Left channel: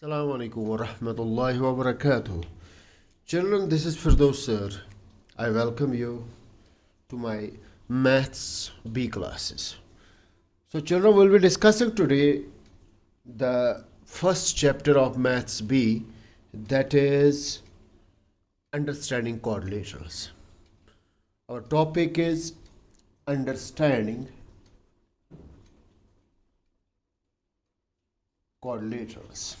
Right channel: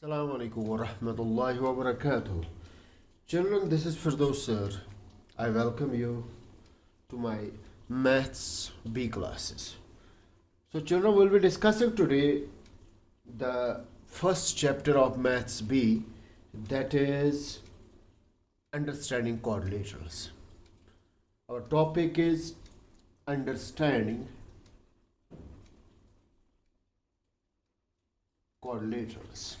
Assalamu alaikum wa rahmatullahi wa barakatuh. Children, this is Firdaus sir. I welcome you to my Maths B classes. So, children, we'll be discussing today the first chapter of Maths B, that is understanding quadrilaterals. Our topic is understanding quadrilaterals.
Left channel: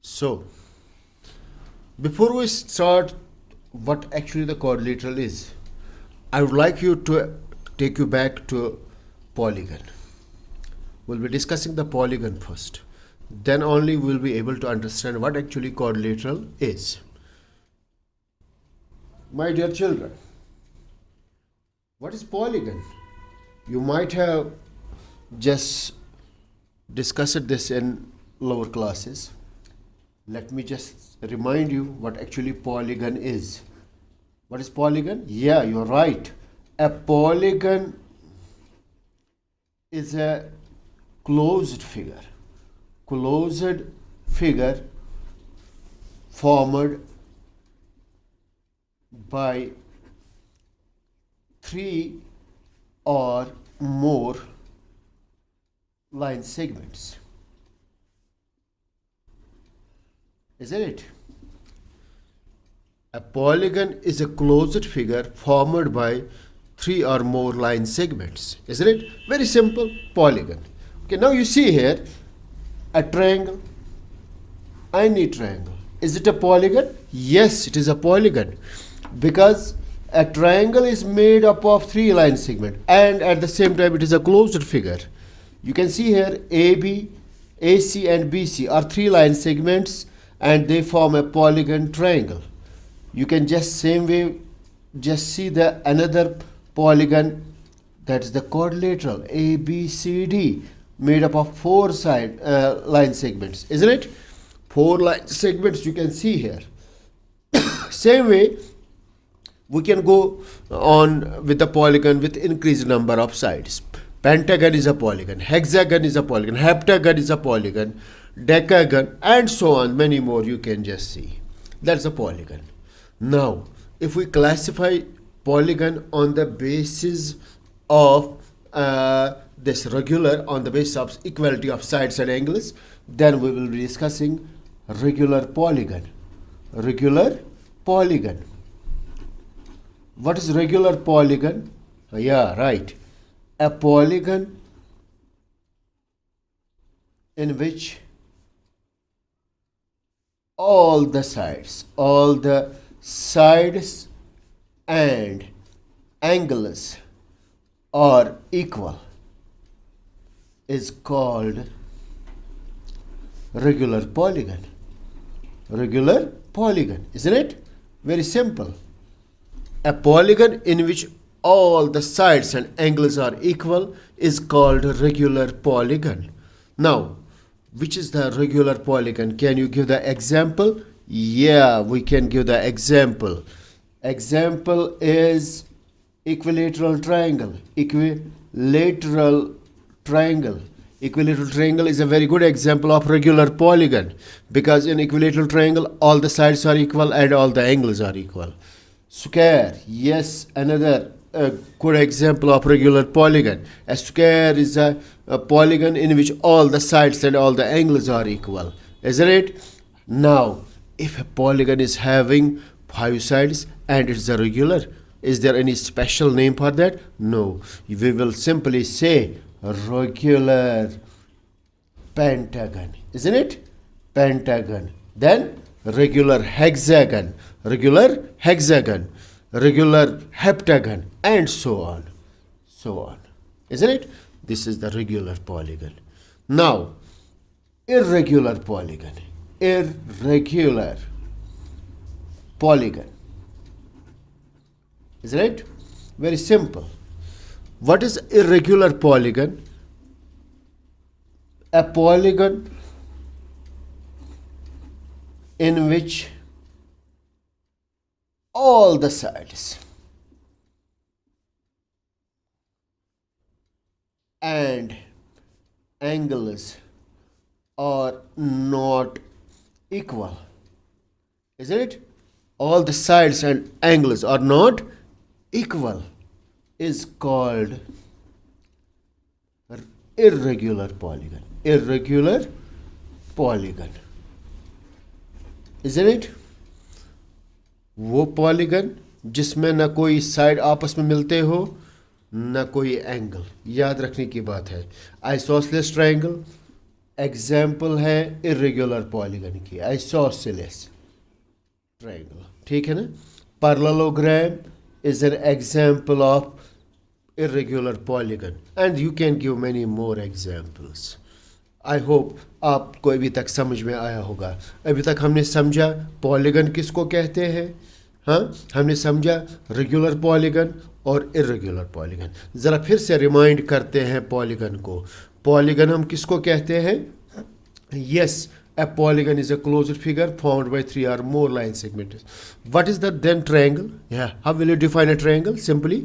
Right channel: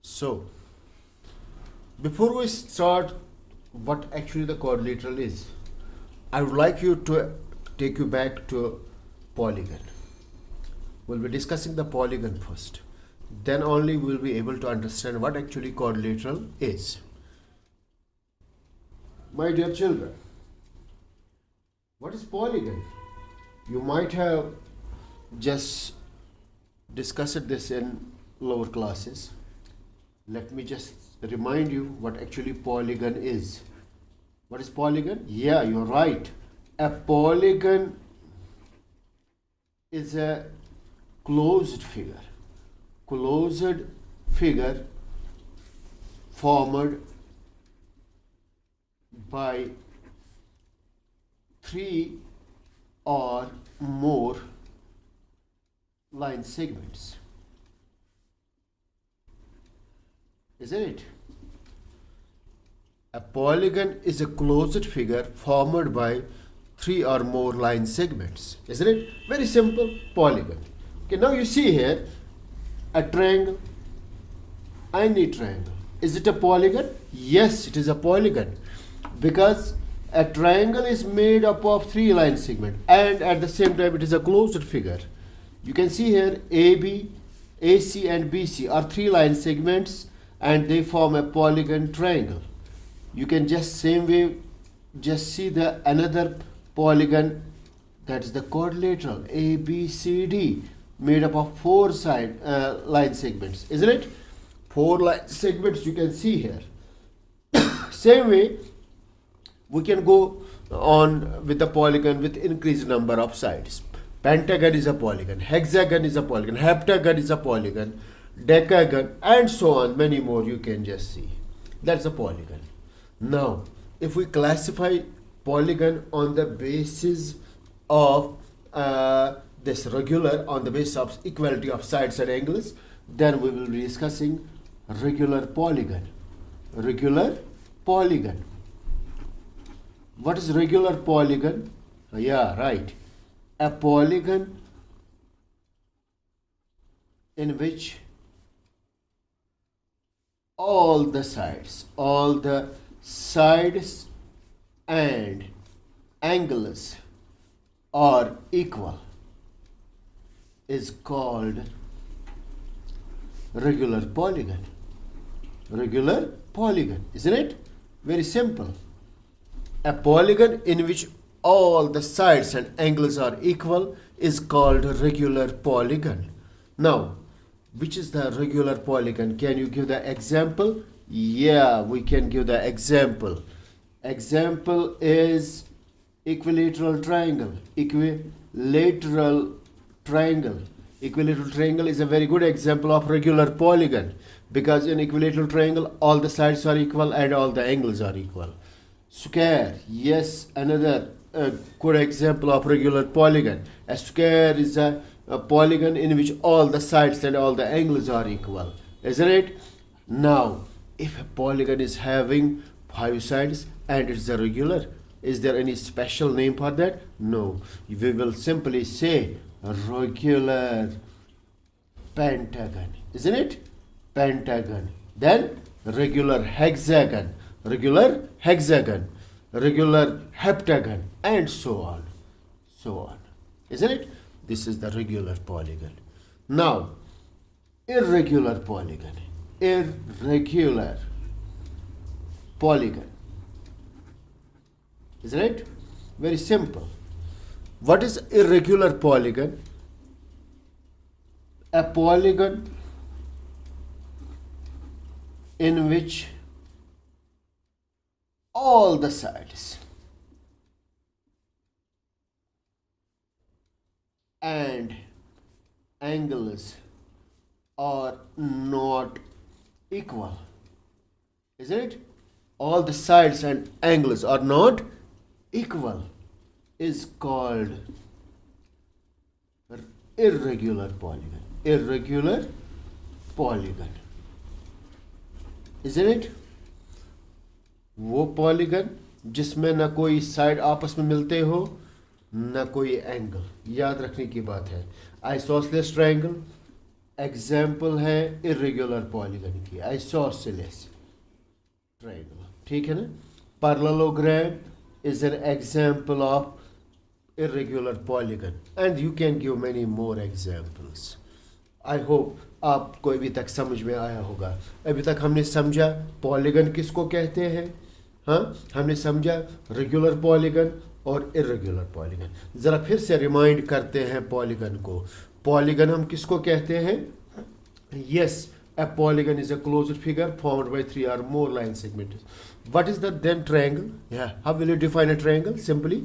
So, before we start what actually the quadrilateral is, I would like you to take you back to a polygon. We'll be discussing the polygon first. Then only we'll be able to understand what actually quadrilateral is. My dear children, what is polygon? You might have just discussed this in lower classes. Let me just remind you what actually polygon is. What is polygon? Yeah, you're right. A polygon is a closed figure. Closed figure formed by three or more line segments. Isn't it? A polygon is a closed figure formed by three or more line segments. Isn't it? Very simple. Polygon. Okay, now you see here a triangle. Any triangle. Is it a polygon? Yes, it is a polygon. Because a triangle is made up of three line segments and at the same time it is a closed figure. You can see here AB, AC and BC are three line segments and they form a polygon triangle. You can just same way just see the another polygon, that's the quadrilateral ABCD, made up of four line segments, isn't it? Four line segments you can see here. Same way we can go on with the polygon with increased number of sides. Pentagon is a polygon, hexagon is a polygon, heptagon is a polygon, decagon, and so on, many more you can just see. That's a polygon. Now, if we classify polygon on the basis of this regular, on the basis of equality of sides and angles, then we will be discussing regular polygon. Regular polygon. What is regular polygon? Yeah, right. A polygon in which all the sides and angles are equal is called regular polygon. Regular polygon, isn't it? Very simple. A polygon in which all the sides and angles are equal is called a regular polygon. Now, which is the regular polygon? Can you give the example? Yeah, we can give the example. Example is equilateral triangle. Equilateral triangle. Equilateral triangle is a very good example of regular polygon because in equilateral triangle all the sides are equal and all the angles are equal. Square, yes, another good example of regular polygon. A square is a polygon in which all the sides and all the angles are equal, isn't it? Now, if a polygon is having five sides and it's a regular, is there any special name for that? No, we will simply say regular pentagon, isn't it? Pentagon. Then regular hexagon, regular hexagon, regular heptagon, and so on, isn't it? This is the regular polygon. Now, irregular polygon. Irregular polygon, isn't it? Very simple. What is irregular polygon? A polygon in which all the sides and angles are not equal, isn't it? All the sides and angles are not equal is called irregular polygon. Irregular polygon, isn't it? वो polygon जिसमें ना कोई side आपस में मिलते हो ना कोई एंगल, याद रखने की बात है। आइसोसेलेस ट्रायंगल एग्जाम्पल है इर्रेगुलर पॉलीगन की, आइसोसेलेस ट्रायंगल, ठीक है ना। Parallelogram is an example of irregular polygon and you can give many more examples. I hope आपको अभी तक समझ में आया होगा। अभी तक हमने समझा पॉलीगन किसको कहते हैं, हाँ हमने समझा रेगुलर पॉलीगन और इर्रेगुलर पॉलीगन। ज़रा फिर से रिमाइंड करते हैं पॉलीगन को। पॉलीगन हम किसको कहते हैं? Yes, a polygon is a closed figure formed by 3 or more line segments. What is the then triangle? Yeah, how will you define a triangle? Simply,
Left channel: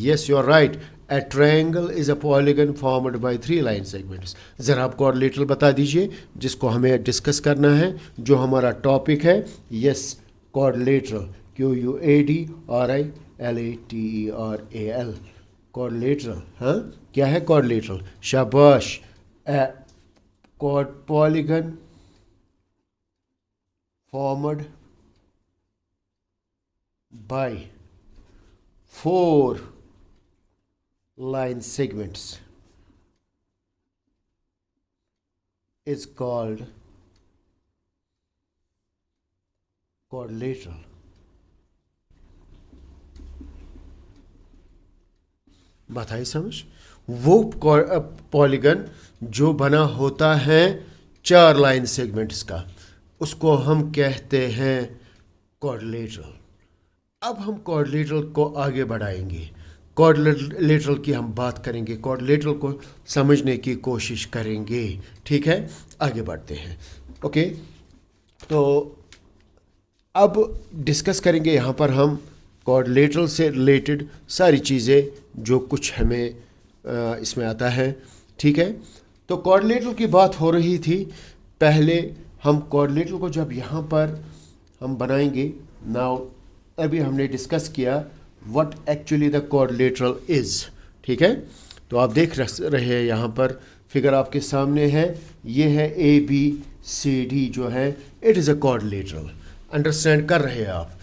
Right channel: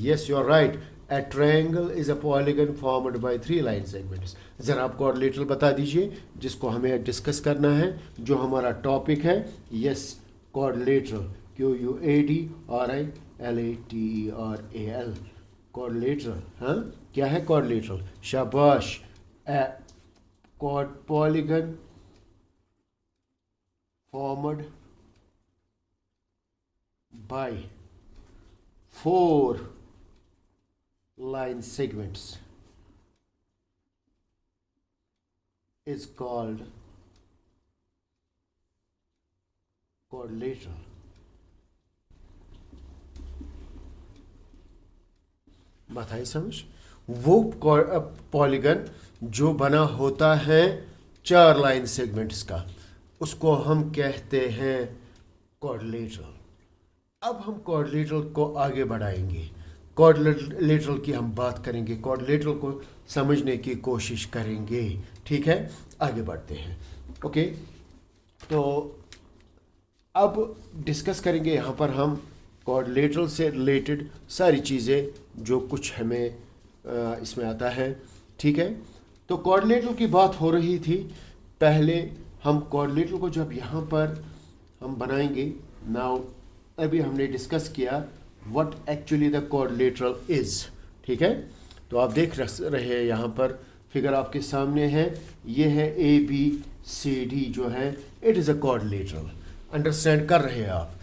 yes, you are right. A triangle is a polygon formed by 3 line segments. ज़रा आप quadrilateral बता दीजिए जिसको हमें discuss करना है, जो हमारा टॉपिक है। यस, quadrilateral, QUADRILATERAL, quadrilateral, हाँ क्या है quadrilateral? शाबाश। polygon formed by 4 line segments is called quadrilateral. बात आई समझ? वो पॉलीगन जो बना होता है 4 लाइन सेगमेंट्स का, उसको हम कहते हैं क्वाड्रिलेटरल। अब हम क्वाड्रिलेटरल को आगे बढ़ाएंगे, क्वाड्रिलेटरल की हम बात करेंगे, क्वाड्रिलेटरल को समझने की कोशिश करेंगे, ठीक है। आगे बढ़ते हैं, ओके। तो अब डिस्कस करेंगे यहाँ पर हम क्वाड्रिलेटरल से रिलेटेड सारी चीज़ें जो कुछ हमें इसमें आता है, ठीक है। तो क्वाड्रिलेटरल की बात हो रही थी। पहले हम क्वाड्रिलेटरल को जब यहाँ पर हम बनाएंगे, नाउ अभी हमने डिस्कस किया what actually the quadrilateral is, ठीक है। तो आप देख रहे हैं यहाँ पर फिगर आपके सामने है, ये है ABCD जो है, it is a quadrilateral. Understand कर रहे हैं आप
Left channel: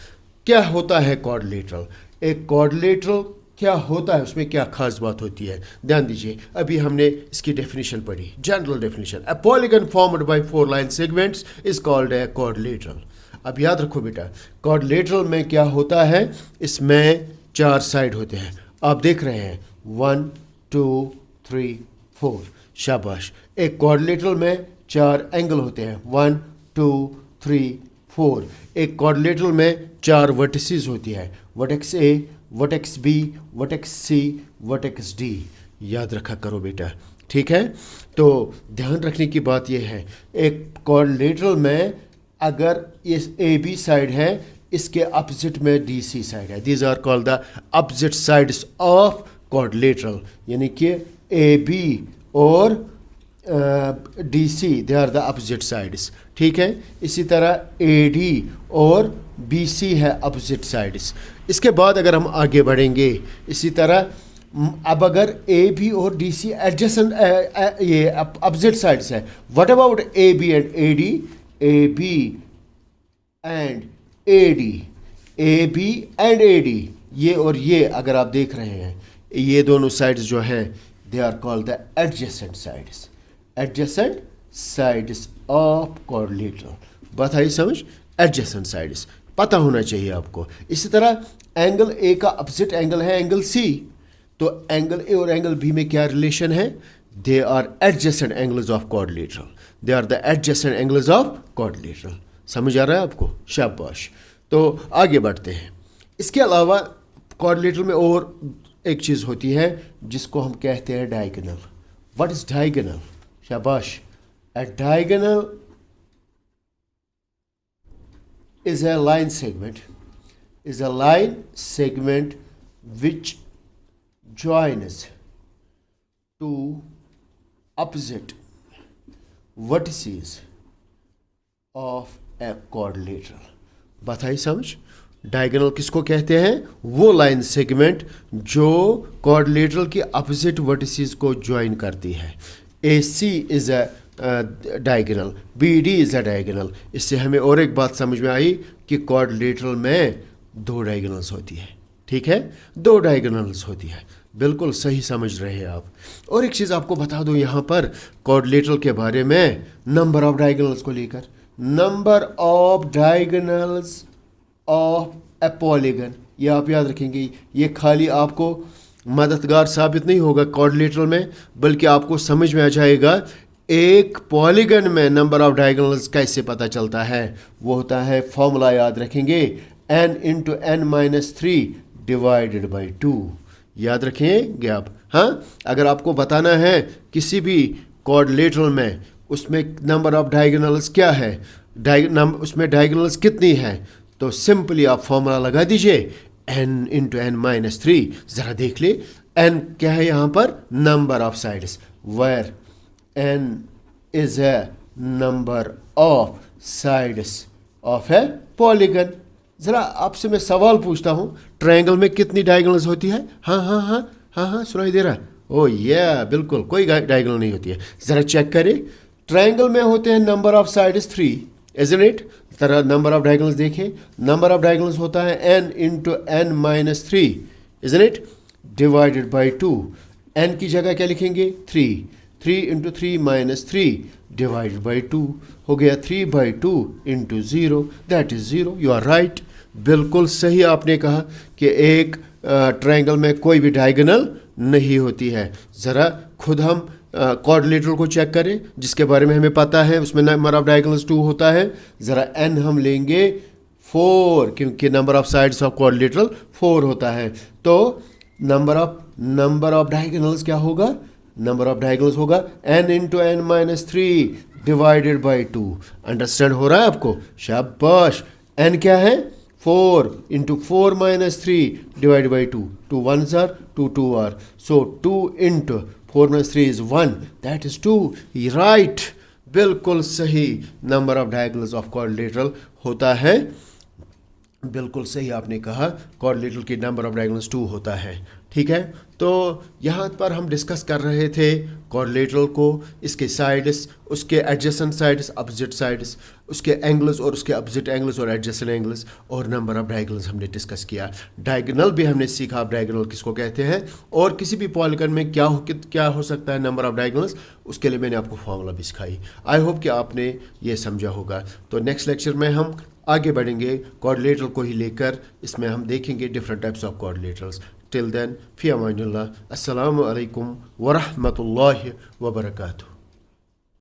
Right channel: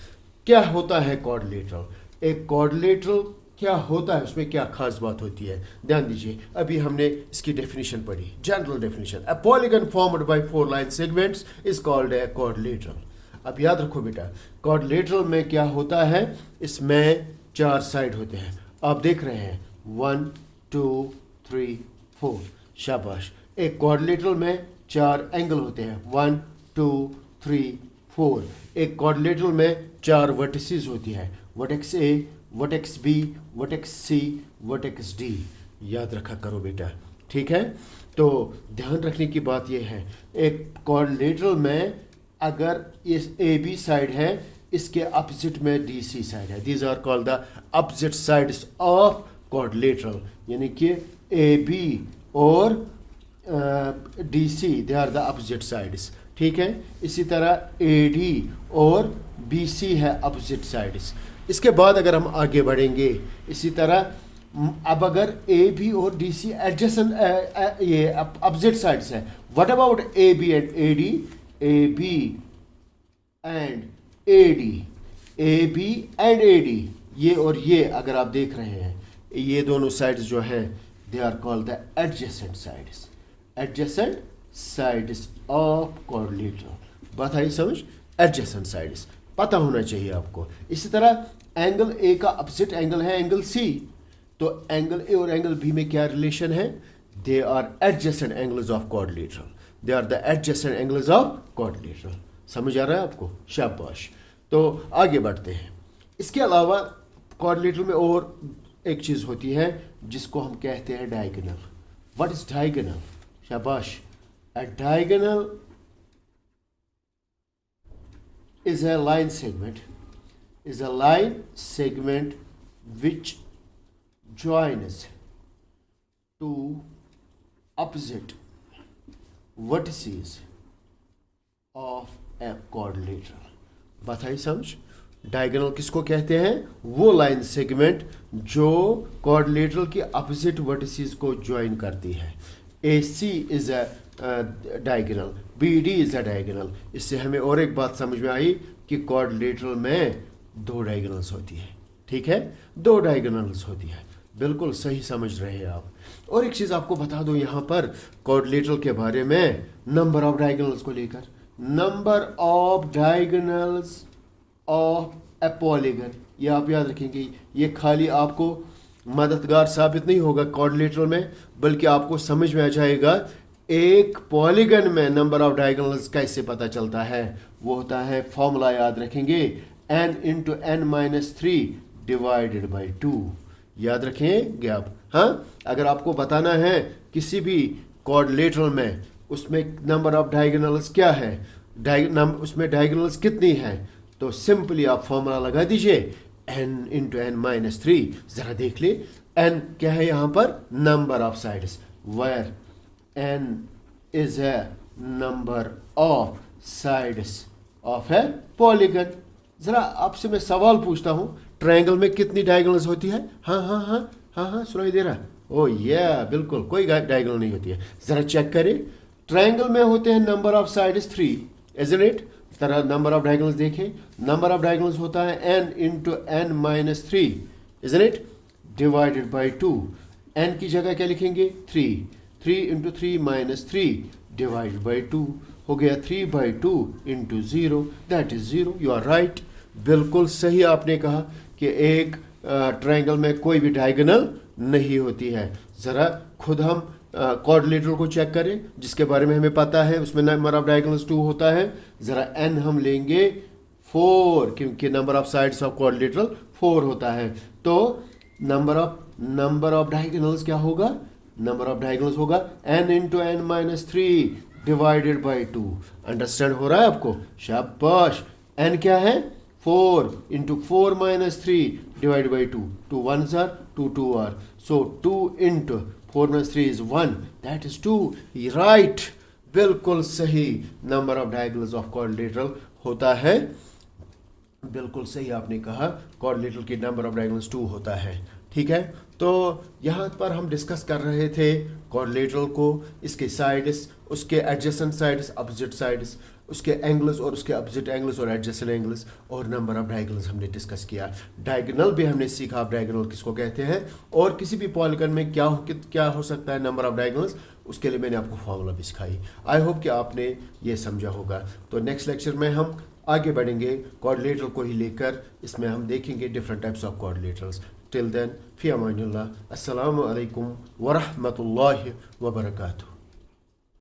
क्या होता है क्वाड्रिलेटरल? एक क्वाड्रिलेटरल क्या होता है, उसमें क्या खास बात होती है, ध्यान दीजिए। अभी हमने इसकी डेफिनेशन पढ़ी, general definition, a polygon formed by 4 line segments is called a quadrilateral. अब याद रखो बेटा, क्वाड्रिलेटरल में क्या होता है, इसमें 4 साइड होते हैं। आप देख रहे हैं 1 2 3 4, शाबाश। एक क्वाड्रिलेटरल में 4 एंगल होते हैं, 1 2 3 4। एक क्वाड्रिलेटरल में 4 वर्टिसेस होती है, vertex A, vertex B, vertex C, vertex D। याद रखा करो बेटा, ठीक है। तो ध्यान रखने की बात यह है, एक क्वाड्रिलेटरल में अगर इस AB साइड है, इसके अपोजिट में DC साइड है। These are called the opposite sides of quadrilateral, यानी कि AB और DC they are the opposite sides, ठीक है। इसी तरह AD और BC है अपोजिट साइड्स। इसके बाद अगर हम आगे बढ़ेंगे इसी तरह, अब अगर AB और DC एडजेसेंट ये अपोजिट साइड्स है, what about AB and AD? AB and AD, AB and AD, ये और ये अगर आप देख रहे हैं, ये दोनों साइड्स जो है they are called the adjacent sides, adjacent sides of quadrilateral. बात आई समझ? एडजेसेंट साइड्स पता होना चाहिए आपको। इसी तरह एंगल A का अपोजिट एंगल है एंगल C, तो एंगल A और एंगल B में क्या रिलेशन है? They are adjacent angles of quadrilateral, they are the adjacent angles of quadrilateral. समझ आ रहा है आपको? शाबाश। तो आगे बढ़ते हैं। इसके अलावा क्वाड्रिलेटरल में और एक चीज़ होती है जिसको हम कहते हैं डायगोनल। What is diagonal? शाबाश। A diagonal is a line segment which joins two opposite vertices of a quadrilateral। बात आई समझ? डायगोनल किसको कहते हैं? वो लाइन सेगमेंट जो क्वाड्रिलेटरल की अपोजिट वर्टिसेस को ज्वाइन करती है। A C is a diagonal, B D is a diagonal. इससे हमें और एक बात समझ में आई कि क्वाड्रिलेटरल में दो डायगोनल्स होती है। ठीक है, दो डायगोनल्स होती है। बिल्कुल सही समझ रहे हैं आप। और एक चीज़ आपको बता दूं यहाँ पर क्वाड्रिलेटरल के बारे में, नंबर ऑफ डायगोनल्स को लेकर, number of diagonals of a polygon, ये आप याद रखेंगे। ये खाली आपको मददगार साबित नहीं होगा क्वाड्रिलेटरल में, बल्कि आपको समझ में आ जाएगा एक पॉलीगन में नंबर ऑफ डायगोनल्स कैसे पता चलता है। वो होता है, फॉर्मूला याद रखेंगे, n into n minus 3 divided by 2। याद रखेंगे आप। हाँ, अगर आपको बताना है किसी भी क्वाड्रिलेटरल में उसमें नंबर ऑफ डायगोनल्स क्या है, उसमें डायगोनल्स कितनी है, तो सिंपली आप फॉर्मूला लगा दीजिए n इंटू एन माइनस 3। ज़रा देख ले, n क्या है यहाँ पर? Number of sides, where n is a number of sides of a polygon. ज़रा आपसे मैं सवाल पूछता हूँ, ट्रायंगल में कितनी डायगोनल्स होती है? हाँ हाँ हाँ हाँ हाँ, सुनाई दे रहा? ओ या बिल्कुल, कोई डायगोनल नहीं होती है। ज़रा चेक करें, ट्रायंगल में होते हैं number of sides 3, isn't it? तरह नंबर ऑफ डायगोनल्स देखें, नंबर ऑफ डायगोनल्स होता है n into n minus 3, isn't it, divided by 2। n की जगह क्या लिखेंगे? 3 इंटू 3 माइनस 3 डिवाइडेड बाई 2 हो गया 3/2 into 0, that is 0। You are right, बिल्कुल सही आपने कहा कि एक ट्रायंगल में कोई भी डायगोनल नहीं होती है। ज़रा खुद हम क्वाड्रिलेटरल को चेक करें जिसके बारे में हमें पता है, उसमें नंबर ऑफ डायगोनल्स 2 होता है। ज़रा n हम लेंगे 4, क्योंकि number of sides of quadrilateral 4 होता है। तो नंबर ऑफ डायगोनल्स क्या होगा? नंबर ऑफ डायगोनल्स होगा n into n minus 3 divided by 2। Understand हो रहा है आपको? शाबाश। n क्या है? 4 into 4 minus 3 divide by 2। 2 1s are 2 2 are, so 2 into 4 minus 3 is 1, that is 2। Right, बिल्कुल सही, number of diagonals of quadrilateral होता है। बिल्कुल सही आपने कहा, क्वाड्रिलेटरल की नंबर ऑफ डायगोनल्स 2 होता है। ठीक है, तो यहाँ पर हम डिस्कस कर रहे थे क्वाड्रिलेटरल को, इसके साइड्स, उसके एडजेसेंट साइड्स, अपोजिट साइड्स, उसके एंगल्स और उसके अपोजिट एंगल्स और एडजेसेंट एंगल्स, और नंबर ऑफ डायगोनल्स हमने डिस्कस किया। डायगोनल भी हमने सीखा, आप डायगोनल किसको कहते हैं, और किसी भी पॉलीगन में क्या हो सकता है नंबर ऑफ डायगोनल्स, उसके लिए मैंने आपको फॉर्मूला भी सिखाई। आई होप कि आपने ये समझा होगा। तो नेक्स्ट लेक्चर में हम आगे बढ़ेंगे क्वाड्रिलेटरल को ही लेकर, इसमें हम देखेंगे different types of quadrilaterals. Till then, फी अमानिल्लाह, अस्सलामु अलैकुम व रहमतुल्लाहि व बरकातुहू।